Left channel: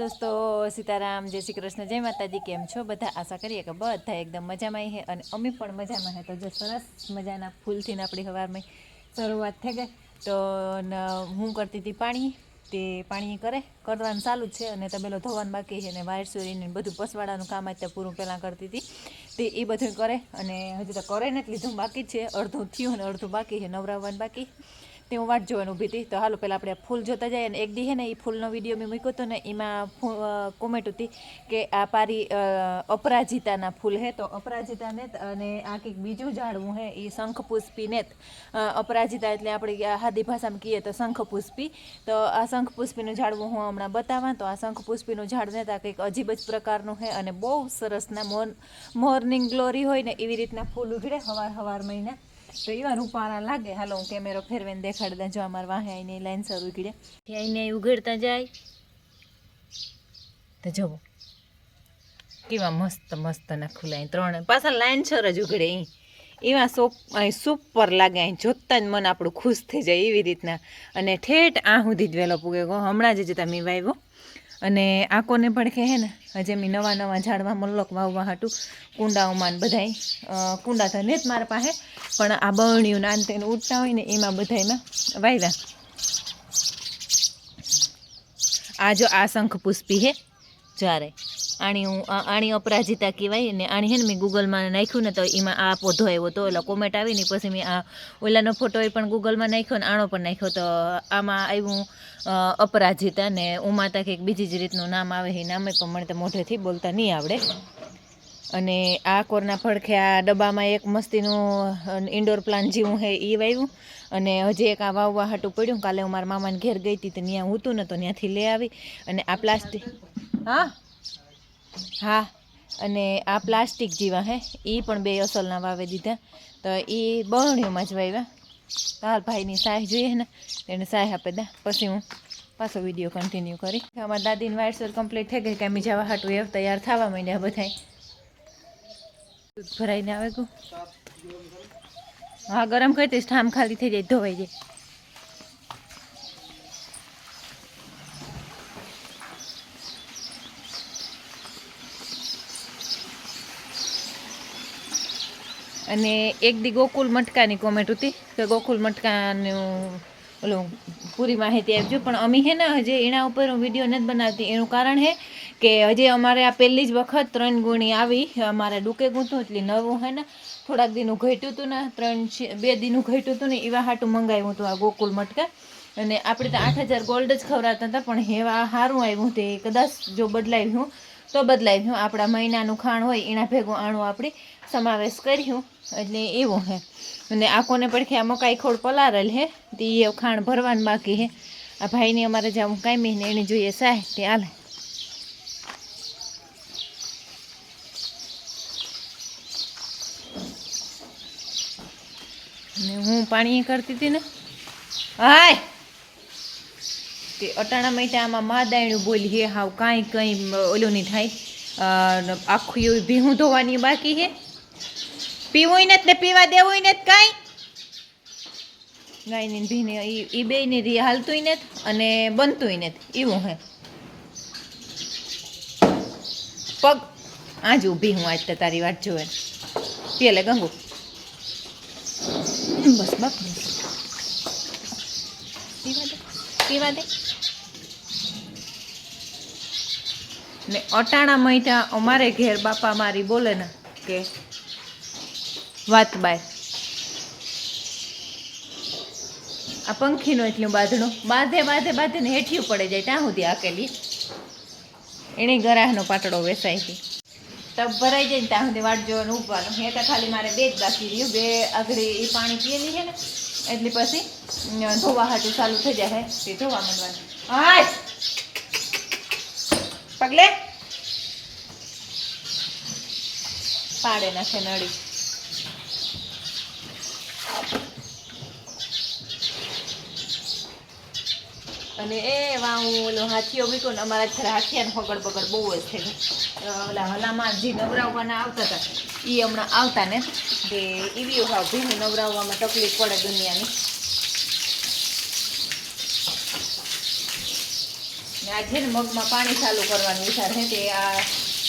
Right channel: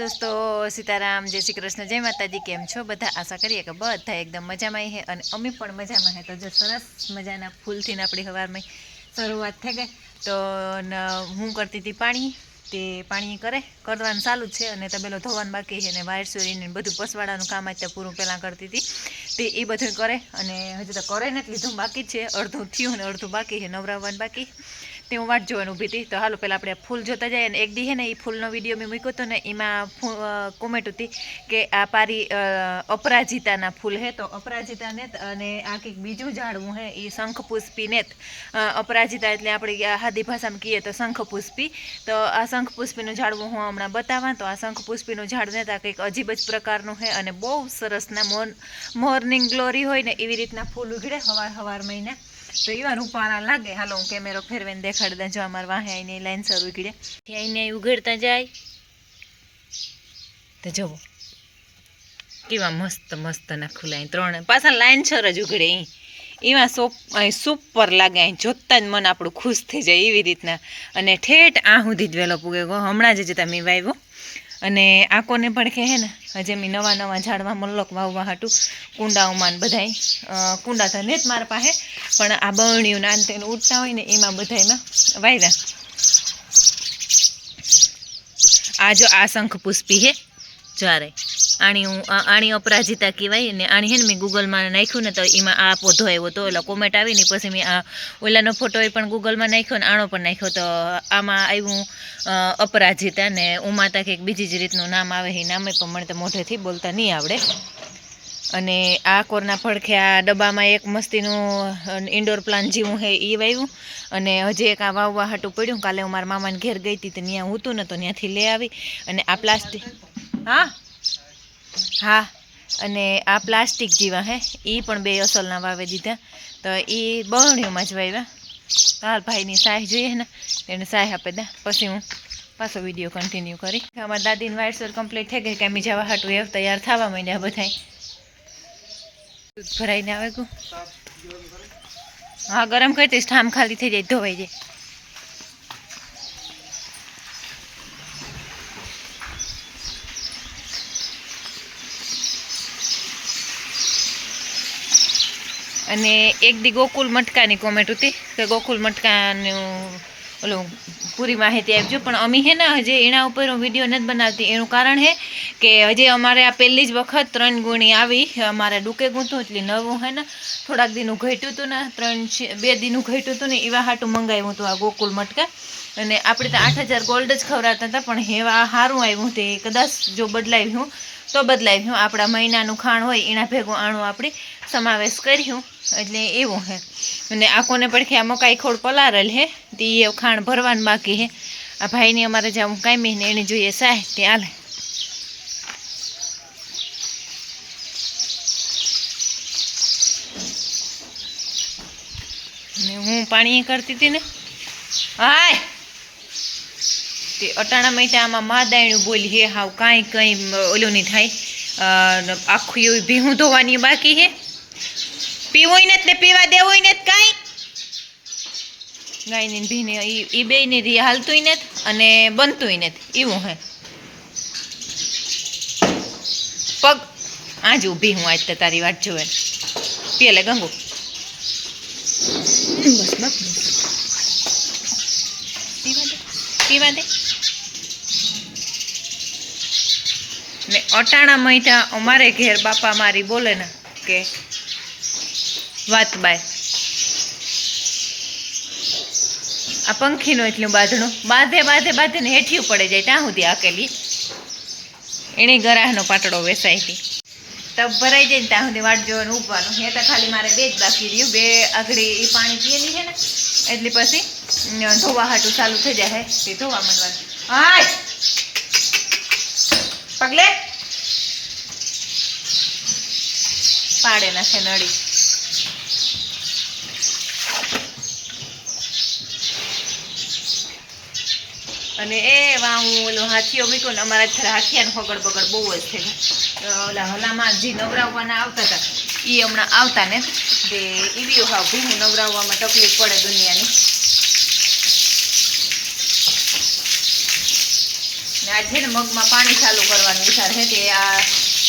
दोस्तों सीताराम जय श्री कृष्ण जय माताजी केम छो बधा आशा करिए कि बधा एकदम मजा में है और अमी पण मजा में है। तो जो सरस मजाना फूल थी अपनी हवार में शुरुआत थी गई तो हूँ करती थी पानी ते पानी करे करवानुं चालू है और तबेलो धोवानुं बाकी है ने वायर सोरी ने बधुं पसवाड़ानुं काम आज पूरुं पहेला करती थी ते ए बधुं करे अने हजी तो करे ने लीधुं बाकी है अर्धुं थयुं ने अर्धुं बाकी है नवराववानुं बाकी ते हूँ वाट जोवानी ऊभी थी। तो हालो पहला अपने फूल जोता जाए ने एक दी है ने ए फूलनो विडियो मैं मूक्यो तो ने एमां कॉमेंट हती कि आ पारी अपराजिताना फूल है। तो अपराजिता ने अने आ कंईक बीजुं झाड़वुं है ए शंखपुष्पी ने अपराजिता एटले आपणी हादी भाषामां कहीए तो शंखपुष्पी। तो आ शंखपुष्पीनुं झाड़वुं हूँ हमणां बतावां। तो आ शंखपुष्पीनुं झाड़ ने कंईक अजीब ज प्रकारनुं है अने बहु सरसना मॉर्निंग ग्लोरी होय ने एवी रीतना फूल उघड़े हवार हवार महीना तो एवा रूपारा लागे। हालो हूँ केमेरो फेरवीने देखाड़ी दऊं। जो अमार वाहे आईने लाइन सर उघड़े आईने उघड़ता जाय तो जोवो केवा मस्त मस्त ना खुला त्रण पाछा लाइन सर ज उघड़े एवा सुपर लागे जोता ज मन आपणुं खुश थई जाय एवी रीतना अने ठेठ आ सुधी ज वेलो पूगे गयो हमणां ज तमे वाव्यो अने आकोने पण के है ने हजे मी नवा नवा झाड़वा मल्लक वाववा हाटू कूंडाओमां बधाय कूंडा तो नेत मारा पासे पण आ बरणियुं ने आने तेने उठता होय ने एमां बधायमां वाव्या। आ जो आ शंखपुष्पी है जारे आणी अपराजिता कहेवाय ने आणी है ने मैं गूगल में नाख्युं ने तो एमां आ पौधो आव्यो तो एटले कॉमेंट आवी ने पछी मैं आ ओलानो फोटो पण गूगल में नाख्यो ने आणो पण नाख्यो तो आमां आव्युं अपराजिता ने उमाता कंईक बीजी ज रीतनुं नाम आवे ए नामे पण मने तो मोढेथी बोलता नहीं आवडे। अने आ कोરના પડખે आ डब्बामां एक मस्तीनुं इंडोर प्लांट जेवुं है ए वाव्युं अने हजी एक आ वाववा हाटुं पड्युं। काले हूँ मारा मामाने घेर गई थी तो त्यां हूँ ने तो त्यांथी लई आवी अने आ प्लास्टिक हाँ हाँ अने आ प्लास्टिक जेवा है ए पण बे असलना वावी दीधा तो ए बरणियोमां ज वाव्या। हाल भाईनी साह जोईए ने तेने साह आपी दे पछी हूँ पाछो विडियो कन्टिन्यू करी। अमारी दादीनी वायरसर कम्प्लीट थई गई कि अमी जवा हाटुं एव तैयार थवा मांड्या बधाय दूध भराईने आवे गयुं। हाँ गरम करतीस ठाम खाली थई जाय धोवाई जाय। अने एक दी गोकुल मटकानी कॉमेंट होती कि गोकुल मटकानुं ओलो पूरी माहिती आपजो पण अमी है ने हजे एना उपर हूँ विडियो नहीं बनावती एनुं कारण है कि हजे अमारे आ पहली ज वखत 3 गुणी आवी अमारे डूके गूंथुं एटले नवुं है ने थोड़ाक दीनुं घट्युं हतुं ने 2 दीनुं घट्युं हतुं ने एवा हाटुं मंगाव्युं हतुं आ गोकुल मटका अने आपणे तो 8000 गोल्ड ज खवरावता हता पण हेवा हारुं आव्युं ते कदाच जो बदलाव्युं तो बदलाव्युं आपणा महीनानुं खाण होय एना भेगुं आणुं आपणे समावेश कर्युं एटले एवुं है। अने आकोने પડખે आ मकाई खोड़ पलारेल है ते खाण भरवानुं बाकी है। आ भाईनी अमारे जाऊँ कायमी ने एने जोईए साह ते आले ने हूँ पाणी करती थी ने हाय ते अटाणा में आमां मादायणुं बोली है हाव कांई कई ओलो नहीं थाय आखुं भीहूं धोवानी बाकी है पीवोय ने ते पीवा देवोय ने कांई गाय ने भीने ई बे ने री हालतुंय ने अने बनतुंय ने एवुं है। पग आज ऊभी हूँ आज तो तारी वाट जोवे पीए ले गंगू बस बाप पीवा दे ने अटाणा महीना अमारे घेर बापा मारी बोले ना के वात बाय आ पंखीनुं एटલું બાંધણું બાંધે બાંધે બાંધે ને હેઠિયું पड़े जाए ત્યાં સુધી આકેલી एनी गराहनो पाटड़ो वेसाई थी तब भराई जाए ત્યાં સુધી वाट जोवानुं ઊભવાનું हे तो खाली मारे 2 ज बाकी रह्युं 2 आगड़ी ए पाणी पीएली है ने एटले पछी धोवा हाटुं चालू थई जाय ते धोवा मांडवानुं हाय पगले पाड़े नाखे नड़ी अने ए वा हूँ ओलो हाथीओ मूक्यो ने अमारा थोड़ा हाथियानो हगड़ बगड़ बहु ज थई गयो ओला हलामां जे नवराववाना आवता हता ए हमणां आवता ने ते एवी हाव भीहूं नवराववामां तकलीफ पड़े दुनियानी આ છે ને મગમાં પાણી ચાલુ કરવાનું વિચાર છે તે આ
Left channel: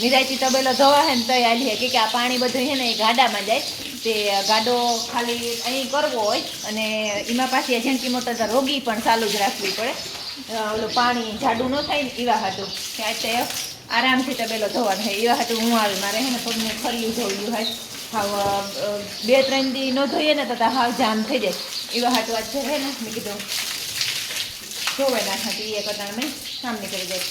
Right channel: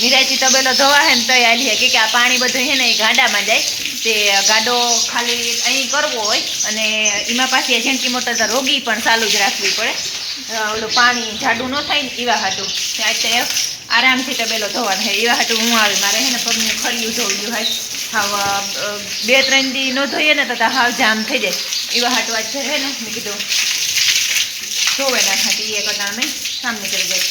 નિરાયતી તબેલો ધોવા હે ને તો આલી કે આ પાણી બધું છે ને એ ગાડામાં જાય તે ગાડો ખાલી અહીં કરવો હોય અને એમાં પાછી એજન્ટી મોટર રોગી પણ ચાલુ જ રાખવી પડે ઓલું પાણી જાડું ન થાય ને એવા હાટું એટલે આરામથી તબેલો ધોવાનું છે એવા હાટું હું આવી મારે છે ને પગને ખડ્યું ધોયું હોય હાવ 2-3 દી ન ધોઈએ ને તો હાવ જામ થઈ જાય એવા હાટું આજ છે ને મેં કીધું ધોવે નાખાતી એ કટાણ મેં કામ નીકળી જાય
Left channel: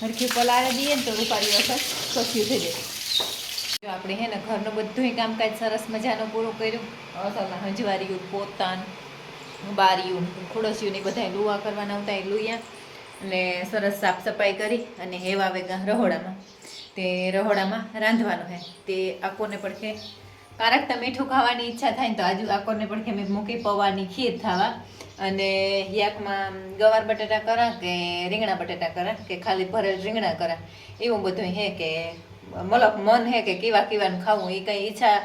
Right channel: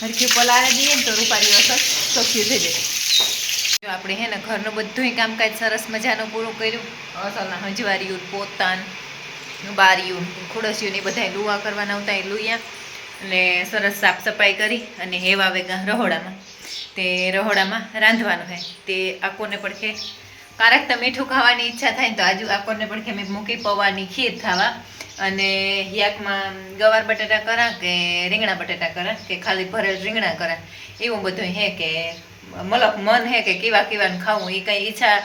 હરખી પલાળે દઈએ ને તો રૂપારી અસર સસ્યું થઈ જાય જો આપણે હે ને ઘરનું બધું કામકાજ સરસ મજાનું પૂરું કર્યું અસલના હંજવારીયું પોતાન બારીયું ખુડસિયું ને બધા લુવા કરવાના આવતા એ લુયા અને સરસ સાફ સફાઈ કરી અને હેવા વેગા રહોડામાં તે રહોડામાં રાંધવાનું હે તે આકોને પડખે કારક તો મીઠું ખાવાની ઈચ્છા થાય ને તો આજુ આકોને પડખે મેં મૂકી પૌવાની ખીર ખાવા અને યાકમાં ગવાર બટાટા કરા કે રીંગણા બટાટા કરા કે ખાલી ભરેલ રીંગણા કરા એવું બધું હે કે મલક મન હે કે કેવાનું ખાવું એ કંઈ ઈચ્છા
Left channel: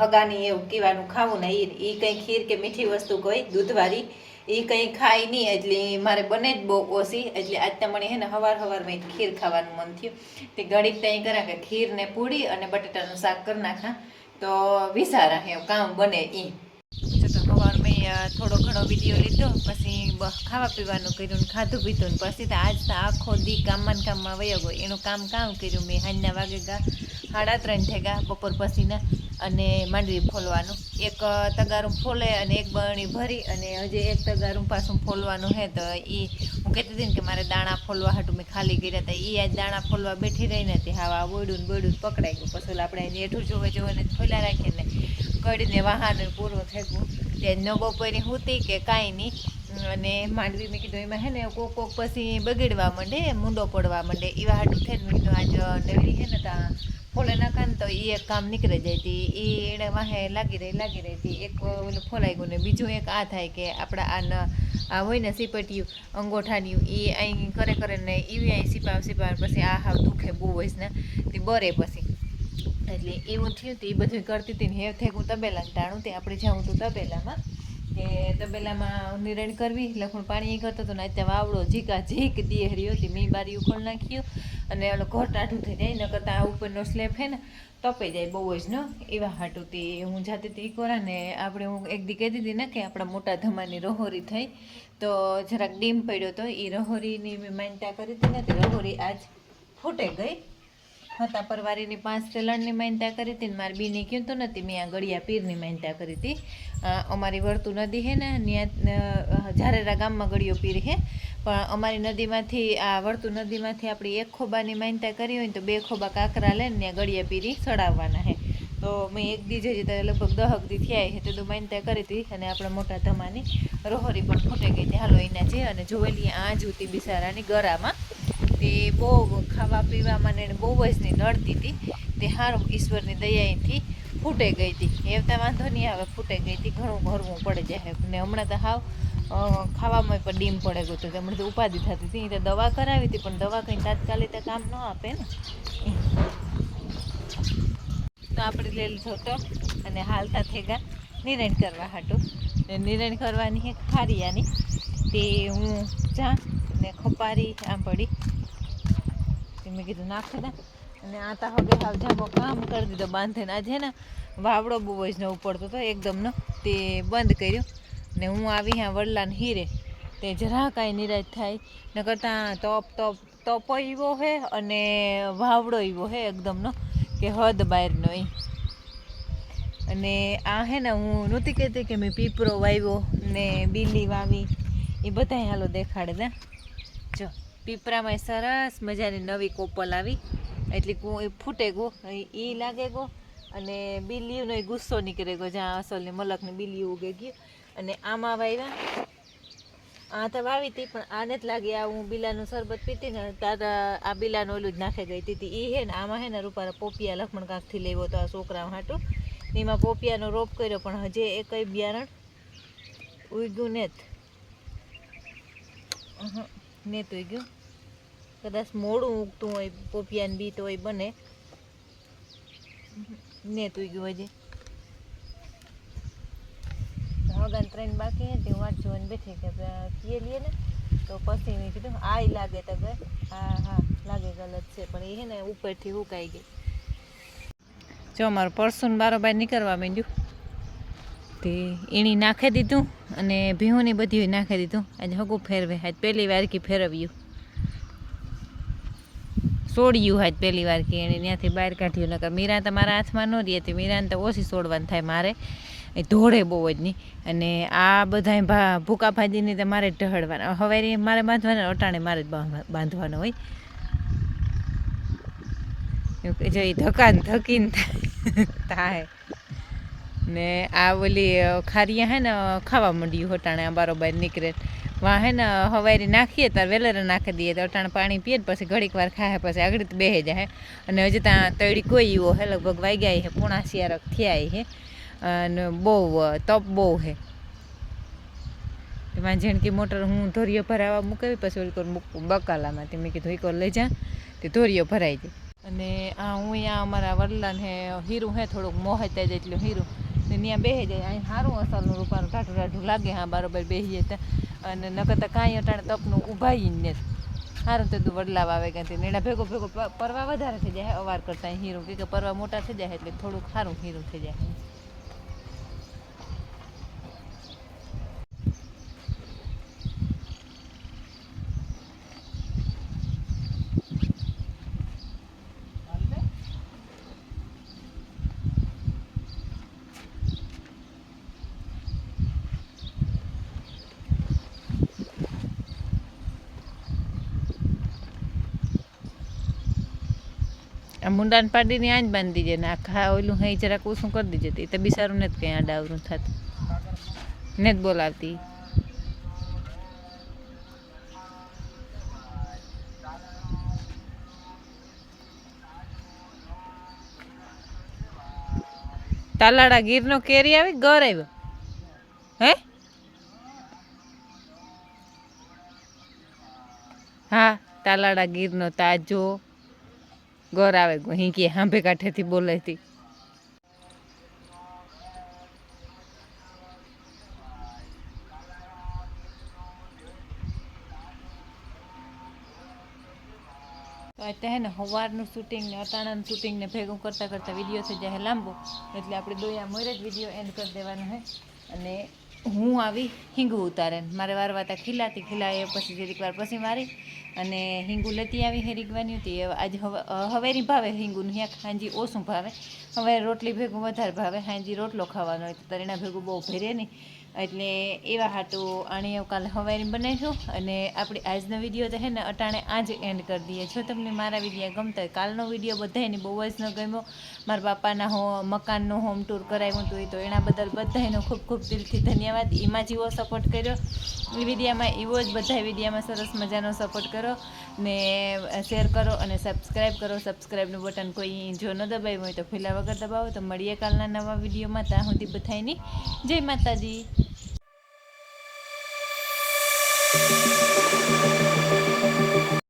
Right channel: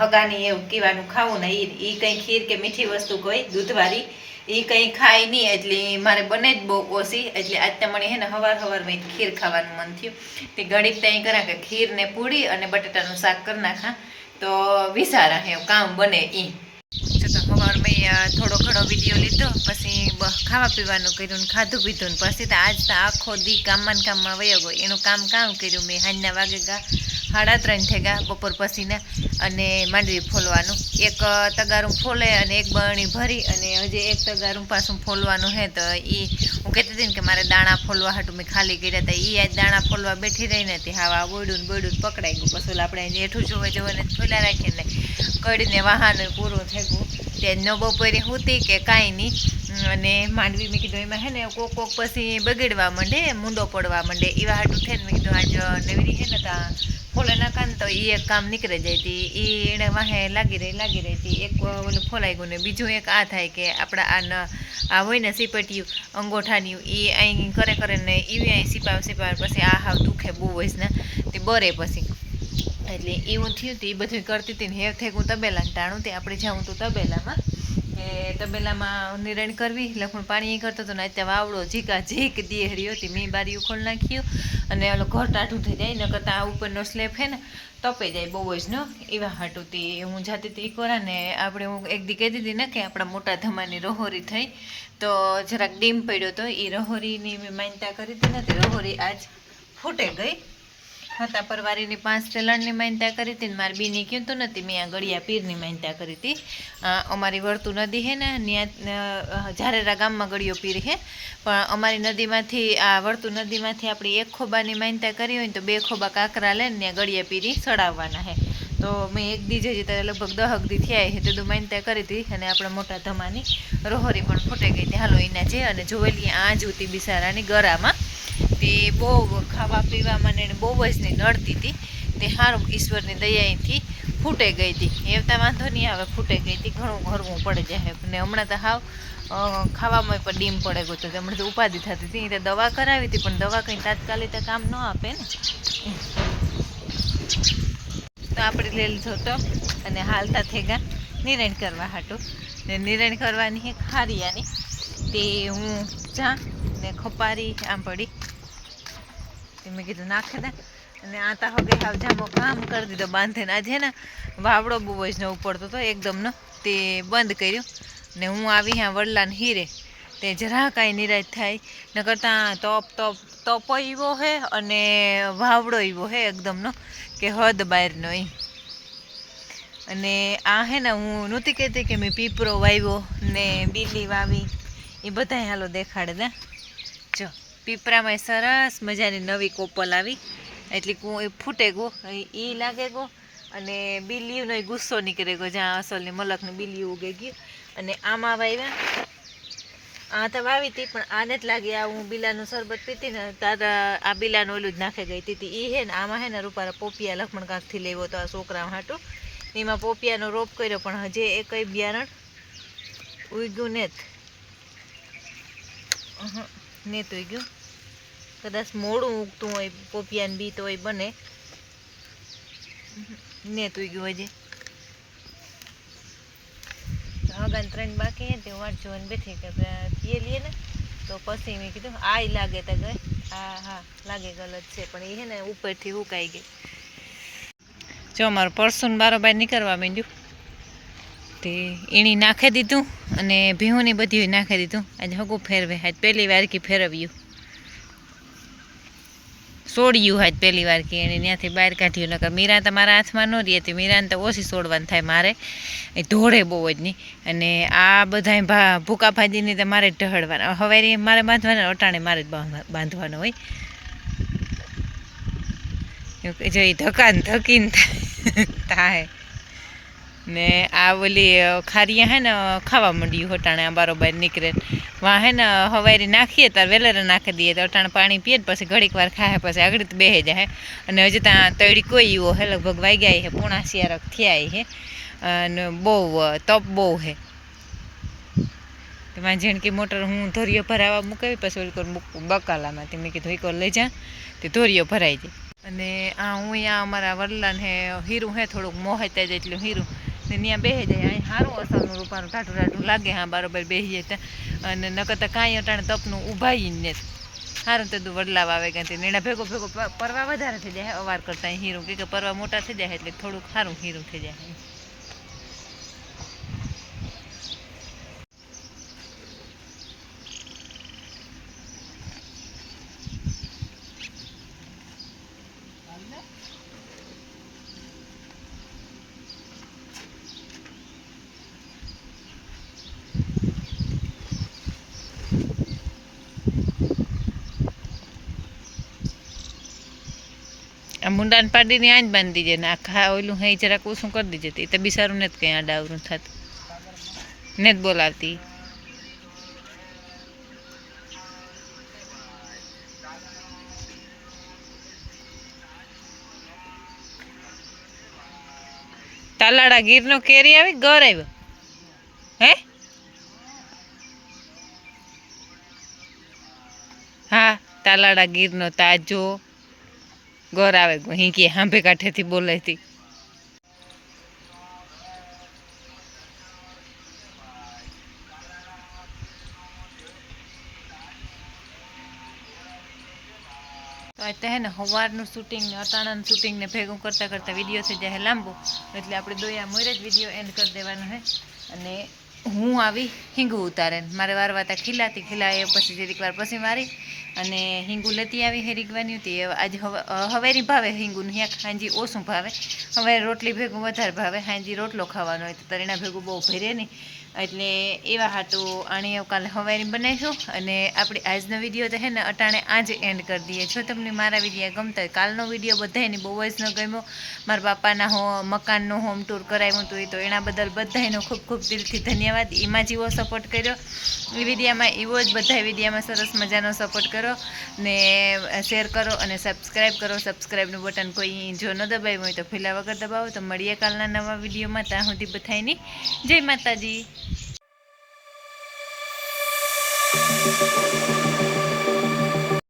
હગાની એવું કેવાનું ખાવું ને એ કંઈ ખીર કે મીઠી વસ્તુ કોઈ દૂધવાળી એ કંઈ ખાય નહીં એટલે મારે બને જ બહુ ઓછી એટલે આજ તમને હે ને હવારમાં ખીર ખાવાનું મન થયું તે ઘડીક ત્યાં કરા કે ખીર ને પૂરી અને બટાટાનું શાક કરી નાખા તો વિચારા હે કામ બને એ તો સવારમાં થોડો ઘણો વિડીયો લીધો પછી ખાવા પીવાનું કર્યું ને ખાધું પીધું ને પછી તો આજ તો આખો દી કામમાં વયો ગયો એનું કામ કર્યું મેં સાંજના વાગે ગા 3:30 થઈ ગયા બપોર પછીના અને માંડવી ફોલવાનું એક તગારું ફોલે અને એક બરણી ભરી અને હજી એક તગારું પાછું ફોલવાનું હે તો એ હું કહેતી હતી ને કે મારે દાણા ફોલવા હાટું મેં ખાલી કર્યા હતા એ આજ દાણા ફોલવા બેઠી રહીને તે હાવા બોયડું પકડાઈ ગયું પછી આપણે એઠું જોવે ને ફોલ્યા રાખીને કડીને વાહન પૂરું થઈ ગયું ત્યાં ન બપોરે હુતી કે કાંઈ નહીં અને માંડવી મેં કીધું એમાં હે ને કોક પછી બગડવા માંડે મૂંડો પડવા માંડે એવા હાટું થઈને મેં કીધું આજ નવરી હે ને ત્યાં ફોલે નાખા ને તો એ એક કામ નીકળી જાય હતી એ એણે વાહે લાગી રહી હતી એક ઓલું ફોલાઈ ગયું ને બીજું એક આ થાય કે આપણા આ હોય ને સીપટિયું અંગોઠાનિયું એ અહીં કરે ને એવી અહીં સીપાવ પછી આ હાવ દુખે બહુ હોય ને તે બરે પછી એટલે એવું થયું હતું એ બધું કરતી હતી ને હેવ થઈ હું તબેલાને ટાણું તે આપણે જાઉં તું તબેલામાં કે તબેલામાં નિરણ કરવી લખણ પાણી કરતો હતો ને અત્યારે વાવડો ઝીક દેહર્યો હતી મેં બારીયું ખોલ નાખ્યું અને ઓલો ઘર ટાઢું થઈ જાય ન કરતાં આ ઉપરનો સ્લેબ હે ને તપે જાય બહુ જ ન એવા હાટું હતી હું જાતી હતી કોરા ને આપણે હું એક દી કહેતી હતી ને કે આપણા મોટા ધમાની રહોરી થઈ તો જરાક ડીમ પડ્યો હતો એ રહોરીની મેં માન્યતા કરી હતી ને તે રહોરી આજ ફૂટે ગઈ હતા પરવારીની 5 તેલણની માન્યતા કરી હતી ને મારી બીની કહ્યું તો નથી મેં આ ગળિયા પીરની માન્યતા કરી હતી અમારી વર્તુ નદી હે ને ત્યાં ઝારેરા ગામમાં ગળિયો પીર હે પણ અમારી નદીમાંથી આ વર્તુ નદીમાંથી આપણી એક ખોબાની માન્યતા કરી હોય ને તો 2 ખોબા કાંકરા લઈને ત્યાં ગળિયા પીરી ચડાવવાના હે તો મેં એક દી જઈ તો લગભગ 10 દી થયા હે તે માન્યતા કરી હતી અને આપણા મોટા ધમાની રહોરી પણ ફૂટે ગઈ હતી હાલો એના જે અને જોવેલી આ જૂતી બિસારાની ગરામાં તે બહુ ખાવા પીવામાં ને બહુ જ ને નડતી હતી તે સારું ઈશ્વરની દયાથી ફૂટે ગઈ હતી એવતા વાંધો નહીં આવે ફૂટે ગઈ હતી ઘણું ઘરવું પડે જાય ને હમણાં તો હાવ ખાવામાં પણ ડીમ પડે ગયો તો હમણાં તો ઉપાધિ થતી હતી તો દવા કરાવી હતી પણ દવા કંઈ તાત્કાલિક કામ ન આપે ને તો આપણે લઈ લીધો તો અને હાલતા થઈ ગયા નિરણ કરવા હાટું ને નિરણ કરવાની ખારિયાની તે હું જા ને ખપારી આમ પડી મેં કીધું નાખે દે અને આતા હગે હાવ જામો કામ કરી દીધો બાંધીને આજે ને વાવડો બહુ જ ન ઉપડતો હતો એકદમનો તે બંધ કર્યું ને હું આવી હા વડલાને હીરે તે જરા કાંઈ નિરાશ થાય ન કરતાં તપ એવો હે અને વાવડો એવો હે એકદમનો કે હદ બહારનો એ અને આ હે ને હું નહોતી કહેતી કે મેં પીપરો વાવ્યો ને બીલી વાવી એ બધાય હાલો દેખાડે ને જો પીપરામાં સરસ મજાની નવી કોપલ આવી એટલે ફૂટે ગો એ લાગે ગો અને બીલીઓનો ગુસ્સો નીકળે ગયો જ્યાં અસલની મલકની બીલીઓ ઉગે ગયું અને આમાં વાવ્યા આ તો વાવી હતી પણ આને જ લાગી આ હું બીલાનું શરબત પીતી ને તારા આ બીલાનું ઓલું જ નાખે ગઈ હતી એ હે ને આમાં હે ને રૂપારા પોપિયા લખમણ કાંકથી લેવો તો આ છોકરા હાટું એમાં પોપિયાનો રોપ કર્યો પણ હજે એ કંઈ બિયારણ ઉગ્યું ને તો ઉગ્યું કદાચ મોડું ઉગતું હોય પોપિયાને બી તો હોય બને ને તો ઉગ્યું હજી ભગાને 3 બાકી હે તે વાટ જોઈને બેઠી કે પીએ લઈએ ને તો પછી મેં કીધું આય લાગે તો ગઈ હા લાગે ગલત છે પણ એ હે ને ઉપરથી ઉકાઈ ગઈ. જો અમારું પરસું બારોબાર નીકળવા માંડ્યું તે એણી નાખી દીધું અને ભીહોની બધી નાખી દીધું. આજે હગું ફેરવે આજ પહેલી વાર કે ફેરવ્યું સોડ્યું આજ પહેલી વાર કે એને ત્યાંથી બહાર કાઢ્યું. નકર મીરા તો મારા હાથમાં ન રહી હતી. મીરાને તો ઓછી સોડવાનું થાય મારે એ ધોળે બહુ જ નહીં. અને આ બધા ભૂકા ભાજીની તો મારે જ ઢહળવાના હવે મારે બાંધવાના અટાણે મારે જ બાંધવાનો હોય. જો એ ધકાન ધકીને થાય ને આ ઓલી ખારિયા હે ને ખાવા માંડ્યું અટાણે આ બારોબાર નીકળે વાં હે ને હવારી નાખીએ ત્યારે વેલેરે નાખી દઈએ તો અટાણે પાણી પીએ પછી ઘડીક વાર ખાય પછી આગળ તો બેહી જાય. અને હજી ત્યાં તળી કોઈ એવો હે લગભગ વાગ્યા હે 6:30 થયા હે અને બહુ તપ બહુ હે. તેમાં ઝીણકી મોટર હું ધોરીઓ ભરાવા મૂકાવી પછી ઓલી મૂકું બકાલામાં તે મેં કીધું એક લઈ જા તે ધોરીઓ ભરાઈ જાય. અને આ હું અહીંયા અમારા વડલાને હે હીરું હે થોડુંક મોહેતા જાય એટલું હીરું ને ત્યાં બેસી જાય. અહીં સારું અસલનું રૂપાનું ટાઢું ટાઢું લાગે હા બરાબર બેસી જાય ત્યાં અને નકર કાંઈ અટાણે તપનું ઊભાઈ ને સારું તો તું વડલાવા આવે કે એના ભેગો ભેગો પરવા વધારે થઈ જાય અવાર કરતાં હીરું કે પરવા મોટા થઈ જાય એટલે થોડુંક સારું હીરું થઈ જાય. આ મુંડાને પાડીને આ જ બાંધી દીજે ને આખા ઓલું હે જરાક ઓછું કરી દીજે એ તો બિસારું ને જ કંઈ આડાવરું થતું ને જ બોલાવતી. તાલાડા ગીરનો કેરી આવી ઘર આવ્યો હે હા તાલાડા ગીરનો તાજો ઘર આવે હિંકી હાંભે કાંઠેથી બોલાતી. તો આ હે ને સવારનું શૂટિંગ ને અટાણાનું શૂટિંગ ને ભેગું કરતાં કરતાં વિડીયો થઈ જાય લાંબો એટલે આપણે દોયા મોરે જ વિડીયો એન્ડ કરી દેવાનો છે. અને હું આવી હિંગું ઉતારે મારે વારવાતા ખીલાએ પછી જરીક વાર પછી મારી અને હિંગું લેતી આવી હે રીગવાની હતી. આજે હવેરી ભાવે હિંગું હિંક હાંજી ઓછું ભાવે હવે રોટલી ભેગું વધારે ભાવે હાંજી રોટલો ખાવાનો હોય તો તરીના ભેગું બહુ ભરે નહીં એટલે એવા હાટું આણી કાલે હવારી બનાવીશું. અને આપણે આજનો વિડીયો તો હે ને અટાણે આજ એન્ડ કરી દઈએ. જો તમને મારા વિડીયો ગમતા હોય કાલનો વિડીયો બધાને બહુ જ ન ગમ્યો મારા બાપાના મકાનનું હોમ ટૂર કરાવ્યું હતું તો એના બદલ બધાનો ખૂબ ખૂબ દિલથી ધન્યવાદ. એમાં જેવો સપોર્ટ કર્યો એ વિડીયામાં એવો જ બધા વિડીયામાં સરસ મજાનો સપોર્ટ કરો ને શેર કરો અને સબસ્ક્રાઈબ કરો. સબસ્ક્રાઈબનું બટન કોઈ જો ન દબાવ્યું હોય તો ફેલા વગર દબાવો. તો મળીએ કાલના નવા વિડીયોમાં. ત્યાં સુધી બધાની જય માતાજી.